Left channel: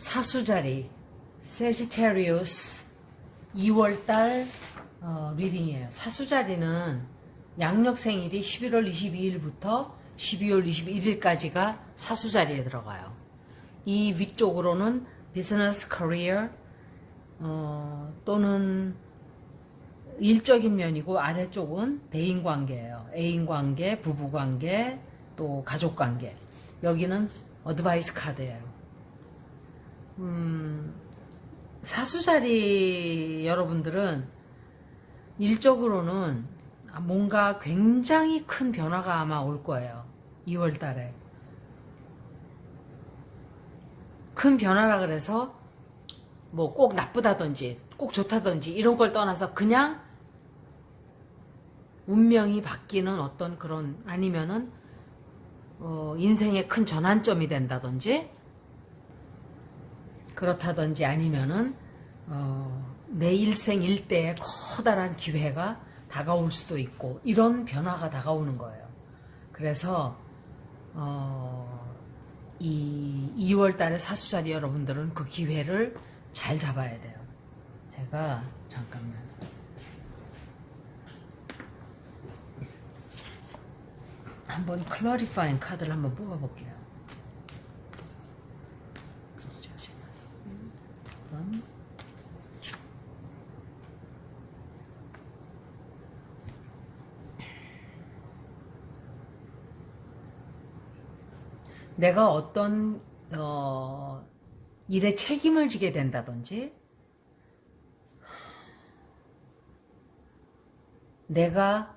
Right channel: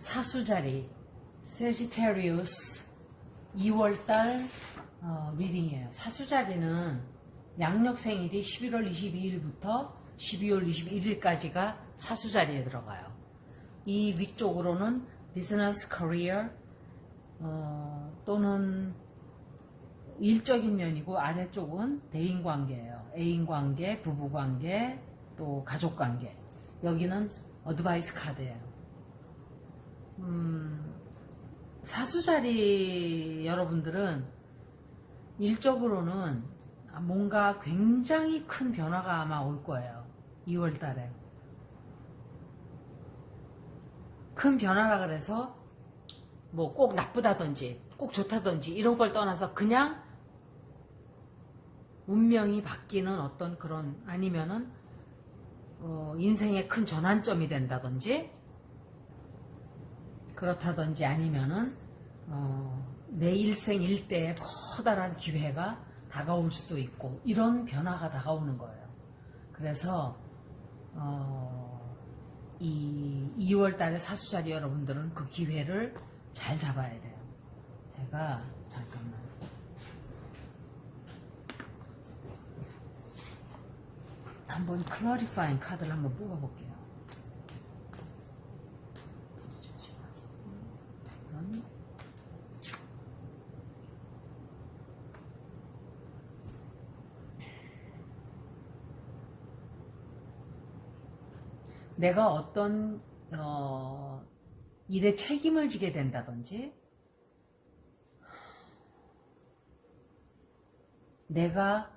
사수자리 세지테리우스 2월달 리딩이에요. 사수자리는 양력 생일이 11월 22일부터 12월 21일까지가 사수자리에 들어가요. 이 위쪽으로는 비즈니스 커리어 또는 일적인 면이고, 아래쪽은 대인관계예요. 애인관계, 부부관계, 또 가족관계. 여기는 어드바이스 카드예요. 사수자리 여러분들은 일적으로는 뭔가 굉장히 큰 변화가 아마 올 거예요. 2월 달에. 큰 변화라 그래서 뭐 꼭 나쁘다든지 꼭 좋다든지 이런 걸 떠나서 그냥 운명이 바뀌는 어떤 그런, 아니면은 인생의 큰 전환점이 된다든지 그렇다든지, 아니면은 내 일생 일대의 커다란 기회가 다가올 수도 있고, 이런 변화가 다가오는 거예요. 그래서 이 2월 달에 사수자리 여러분들은 그 기회를 잘 잡아야 돼요. 제가 잠깐만 한번 클러리파잉 카드를 한번 뽑아볼게요. 내가 어떤 일에 책임을 지게 된다든지, 내가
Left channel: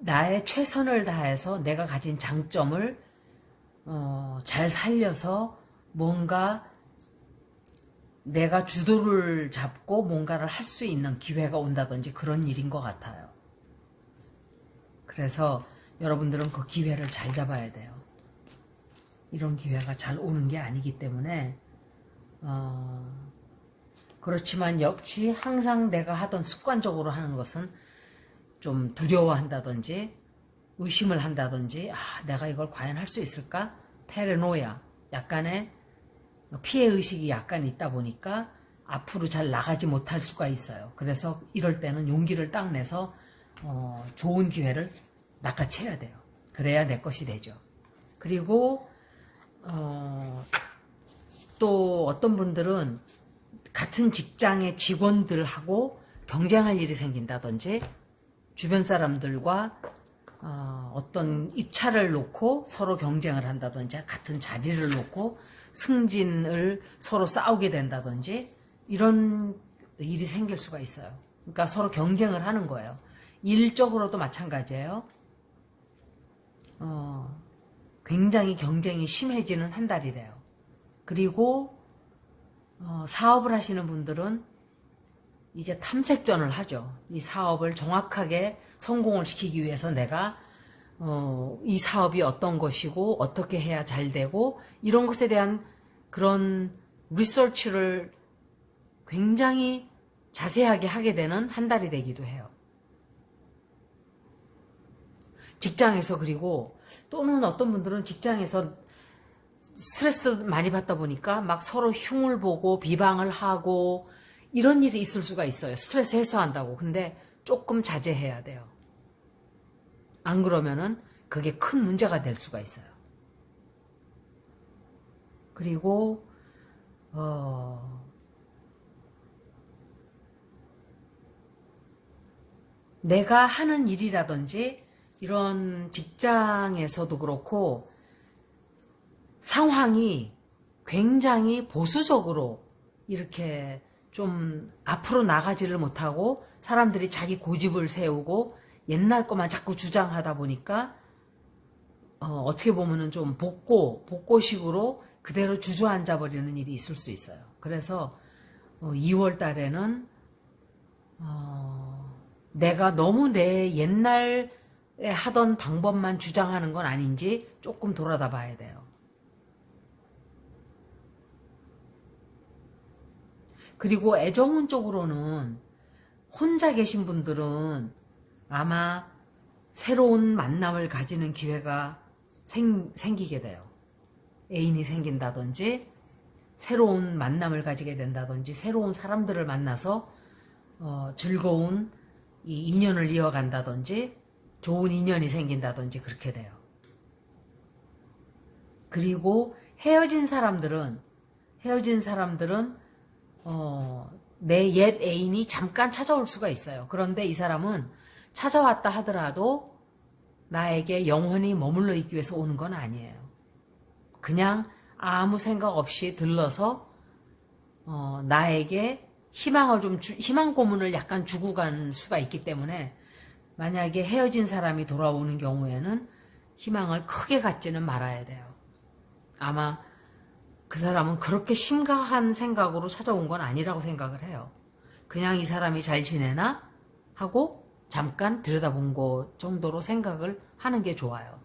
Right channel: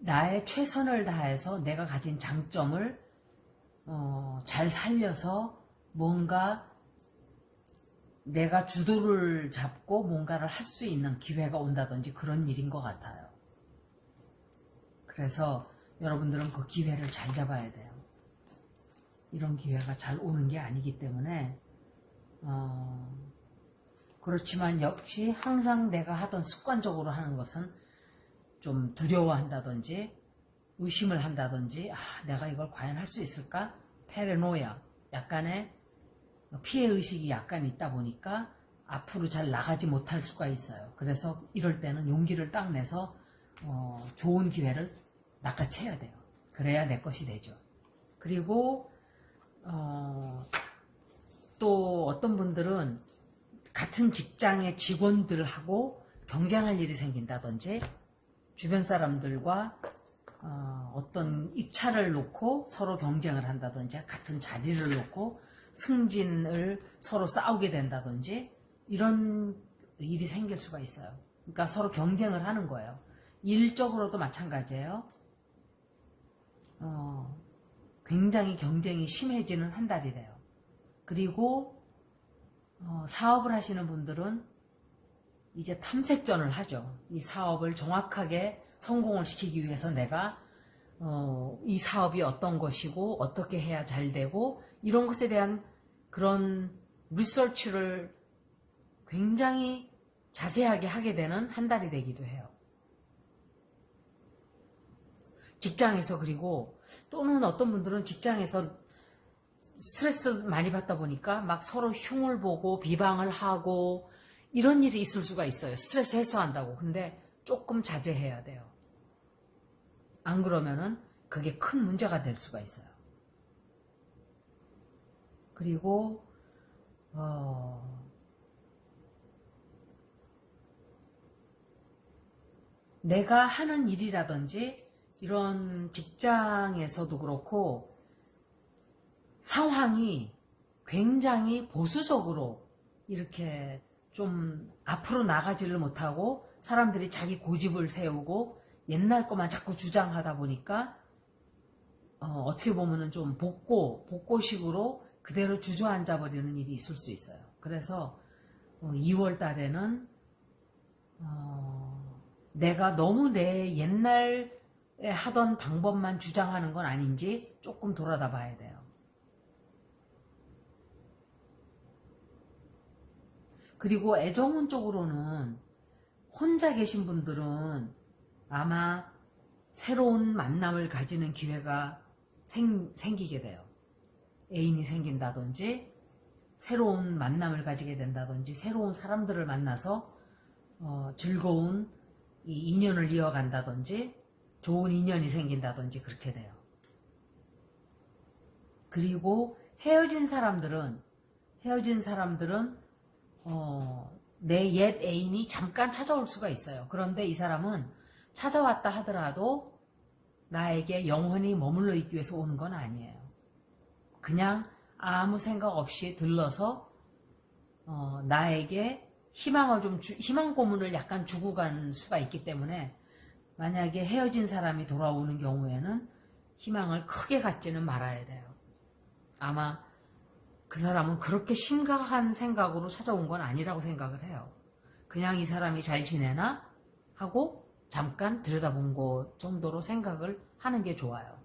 나의 최선을 다해서 내가 가진 장점을 잘 살려서 뭔가 내가 주도를 잡고 뭔가를 할 수 있는 기회가 온다든지, 그런 일인 것 같아요. 그래서 여러분들은 그 기회를 잘 잡아야 돼요. 이런 기회가 잘 오는 게 아니기 때문에 그렇지만 역시 항상 내가 하던 습관적으로 하는 것은 좀 두려워한다든지 의심을 한다든지, 내가 이걸 과연 할 수 있을까? 페레노야, 약간의 피해의식이 약간 있다 보니까 앞으로 잘 나가지 못할 수가 있어요. 그래서 이럴 때는 용기를 딱 내서 좋은 기회를 낚아채야 돼요. 그래야 내 것이 되죠. 그리고 또 어떤 분들은 같은 직장의 직원들하고 경쟁할 일이 생긴다든지, 주변 사람들과 어떤 입찰을 놓고 서로 경쟁을 한다든지, 같은 자리를 놓고 승진을 서로 싸우게 된다든지, 이런 일이 생길 수가 있어요. 그러니까 서로 경쟁을 하는 거예요. 일적으로도 마찬가지예요. 굉장히 경쟁이 심해지는 한 달이 돼요. 그리고 사업을 하시는 분들은 이제 탐색전을 하죠. 이 사업을 정확하게 성공을 시키기 위해서 내가 이 사업이 어떤 것이고 어떻게 해야 잘 되고, 이런 것에 대한 그런 리서치를 굉장히 자세하게 하게 되는 한 달이 되기도 해요. 직장에서, 그리고 또는 어떤 분들은 직장에서 스트레스 많이 받다 보니까 막 서로 흉을 보고 비방을 하고 이런 일이 있을 수가 있어요. 스트레스 해소한다고. 근데 조금 자제해야 돼요. 안 그러면은 그게 큰 문제가 될 수가 있어요. 그리고 내가 하는 일이라든지 이런 직장에서도 그렇고 상황이 굉장히 보수적으로 이렇게 좀 앞으로 나가지를 못하고, 사람들이 자기 고집을 세우고 옛날 것만 자꾸 주장하다 보니까 어떻게 보면은 좀 복고식으로 그대로 주저앉아 버리는 일이 있을 수 있어요. 그래서 2월 달에는 내가 너무 내 옛날에 하던 방법만 주장하는 건 아닌지 조금 돌아다 봐야 돼요. 그리고 애정운 쪽으로는 혼자 계신 분들은 아마 새로운 만남을 가지는 기회가 생기게 돼요. 애인이 생긴다든지 새로운 만남을 가지게 된다든지 새로운 사람들을 만나서 즐거운 이 인연을 이어간다든지 좋은 인연이 생긴다든지 그렇게 돼요. 그리고 헤어진 사람들은 내 옛 애인이 잠깐 찾아올 수가 있어요. 그런데 이 사람은 찾아왔다 하더라도 나에게 영원히 머물러 있기 위해서 오는 건 아니에요. 그냥 아무 생각 없이 들러서 나에게 희망 고문을 약간 주고 가는 수가 있기 때문에 만약에 헤어진 사람이 돌아오는 경우에는 희망을 크게 갖지는 말아야 돼요. 아마 그 사람은 그렇게 심각한 생각으로 찾아온 건 아니라고 생각을 해요. 그냥 이 사람이 잘 지내나 하고 잠깐 들여다본 것 정도로 생각을 하는 게 좋아요.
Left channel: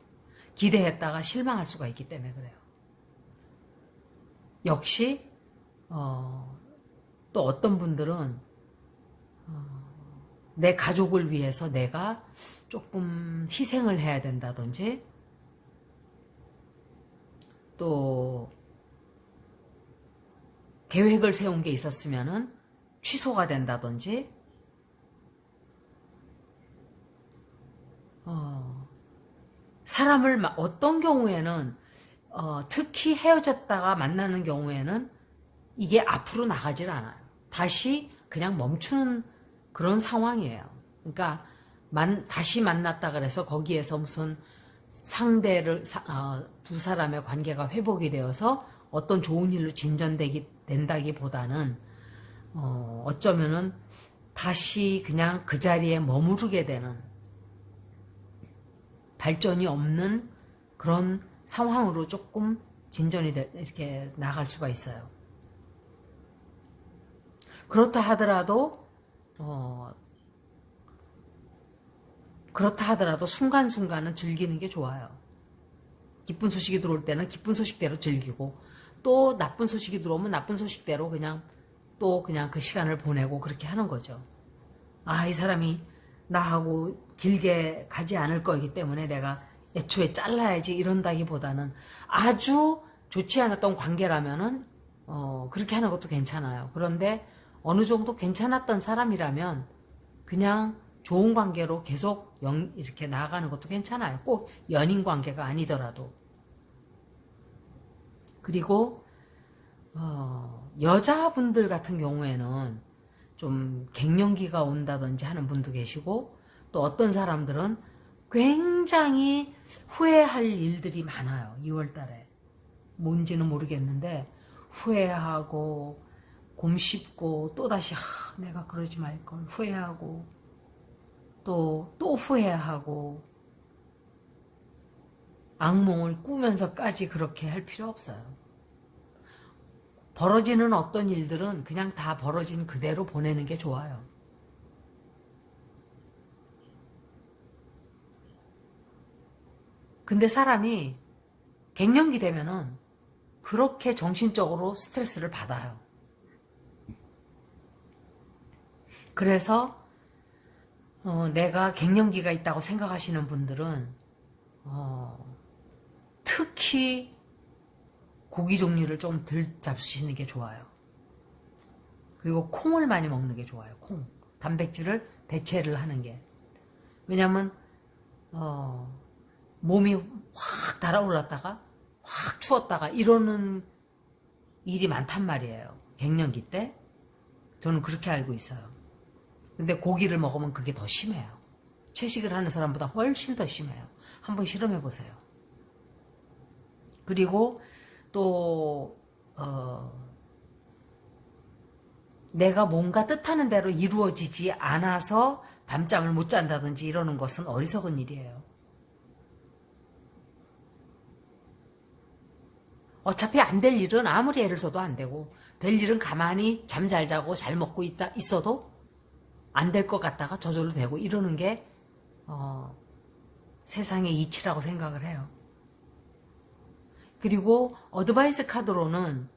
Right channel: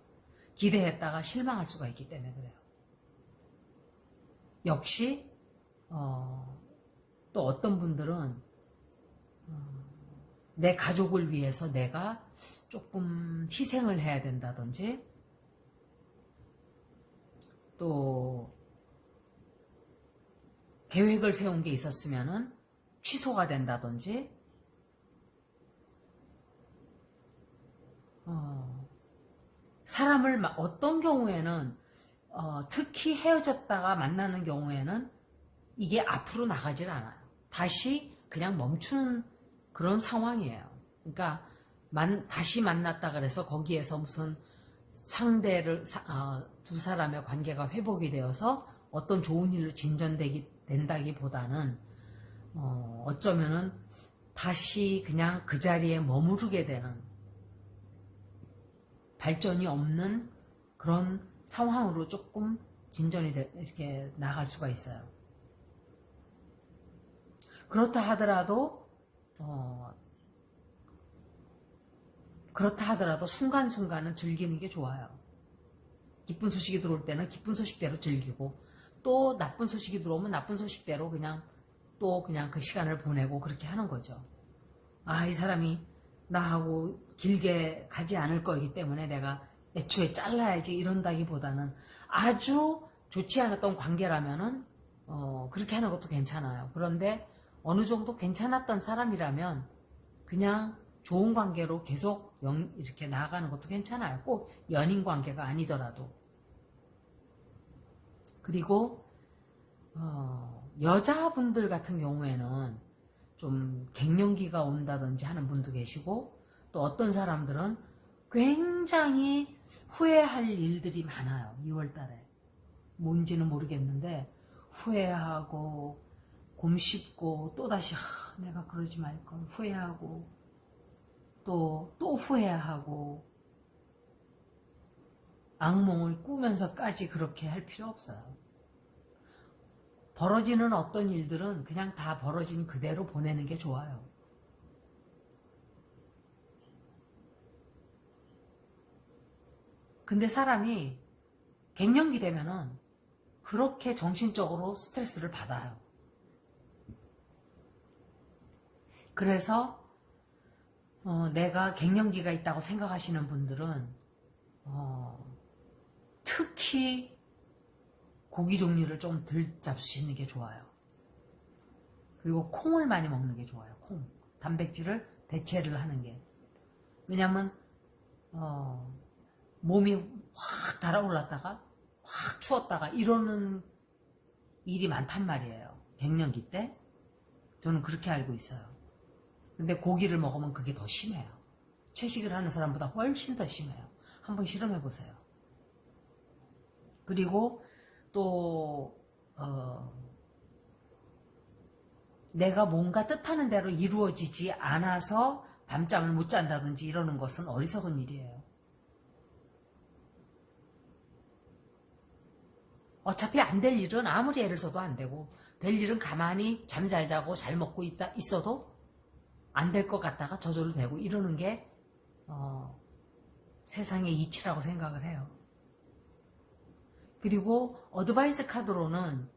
기대했다가 실망할 수가 있기 때문에 그래요. 역시 또 어떤 분들은 내 가족을 위해서 내가 조금 희생을 해야 된다든지 또 계획을 세운 게 있었으면은 취소가 된다든지 사람을 어떤 경우에는 특히 헤어졌다가 만나는 경우에는 이게 앞으로 나가질 않아요. 다시 그냥 멈추는 그런 상황이에요. 그러니까 다시 만났다 그래서 거기에서 무슨 두 사람의 관계가 회복이 되어서 어떤 좋은 일로 된다기보다는 어쩌면은 다시 그냥 그 자리에 머무르게 되는 발전이 없는 그런 상황으로 조금 이렇게 나갈 수가 있어요. 그렇다 하더라도 순간순간은 즐기는 게 좋아요. 기쁜 소식이 들어올 때는 기쁜 소식대로 즐기고 또 나쁜 소식이 들어오면 나쁜 소식대로 그냥 그 시간을 보내고 그렇게 하는 거죠. 이 사람이 나하고 길게 가지 않을 거기 때문에 내가 애초에 잘라야지 이런다기보다는 아주 좋지 않았던 관계라면은 그렇게 하는 것도 괜찮아요. 그런데 어느 정도 괜찮았던 사람이라면 그냥 좋은 관계로 계속 이렇게 나아가는 것도 괜찮아요. 꼭 연인 관계가 아니더라도. 그리고 여자분들 같은 경우에는 좀 갱년기가 온다든지 하는 분도 계시고 또 어떤 사람들은 굉장히 후회할 일들이 많아요. 2월 달에. 뭔지는 모르겠는데 후회하고 곰씹고 또다시 내가 그러지 말걸 후회하고 또 후회하고 악몽을 꾸면서까지 그렇게 할 필요 없어요. 벌어지는 어떤 일들은 그냥 다 벌어진 그대로 보내는 게 좋아요. 근데 사람이 갱년기 되면은 그렇게 정신적으로 스트레스를 받아요. 그래서 내가 갱년기가 있다고 생각하시는 분들은 특히 고기 종류를 좀 덜 잡수시는 게 좋아요. 그리고 콩을 많이 먹는 게 좋아요. 콩. 단백질을 대체를 하는 게. 왜냐면 몸이 확 달아올랐다가 확 추웠다가 이러는 일이 많단 말이에요. 갱년기 때. 저는 그렇게 알고 있어요. 근데 고기를 먹으면 그게 더 심해요. 채식을 하는 사람보다 훨씬 더 심해요. 한번 실험해 보세요. 그리고 또 내가 뭔가 뜻하는 대로 이루어지지 않아서 밤잠을 못 잔다든지 이러는 것은 어리석은 일이에요. 어차피 안 될 일은 아무리 애를 써도 안 되고 될 일은 가만히 잠 잘 자고 잘 먹고 있어도 안 될 것 같다가 저절로 되고 이러는 게 세상의 이치라고 생각을 해요. 그리고 어드바이스 카드로는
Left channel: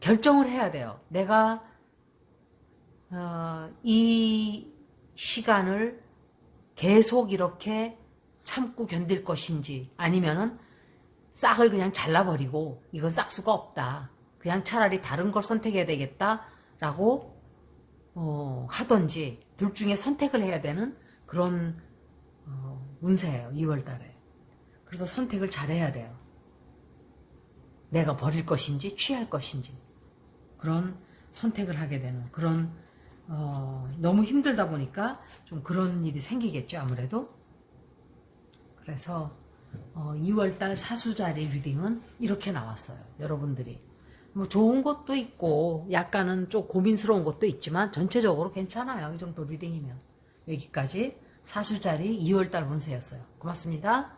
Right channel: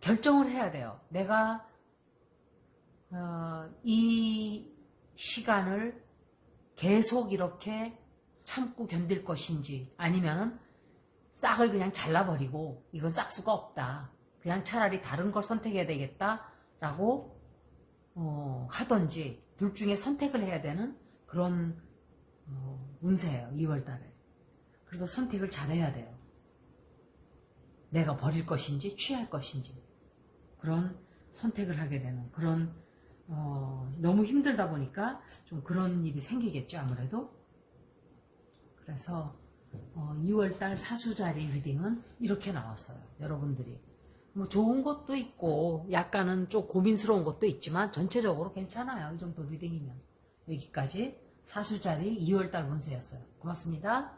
결정을 해야 돼요. 내가 이 시간을 계속 이렇게 참고 견딜 것인지 아니면은 싹을 그냥 잘라버리고 이건 싹수가 없다. 그냥 차라리 다른 걸 선택해야 되겠다라고 하던지 둘 중에 선택을 해야 되는 그런 운세예요. 2월 달에. 그래서 선택을 잘해야 돼요. 내가 버릴 것인지 취할 것인지 그런 선택을 하게 되는 그런 너무 힘들다 보니까 좀 그런 일이 생기겠죠. 아무래도. 그래서 2월달 사수자리 리딩은 이렇게 나왔어요. 여러분들이 뭐 좋은 것도 있고 약간은 좀 고민스러운 것도 있지만 전체적으로 괜찮아요. 이 정도 리딩이면. 여기까지 사수자리 2월달 운세였어요. 고맙습니다.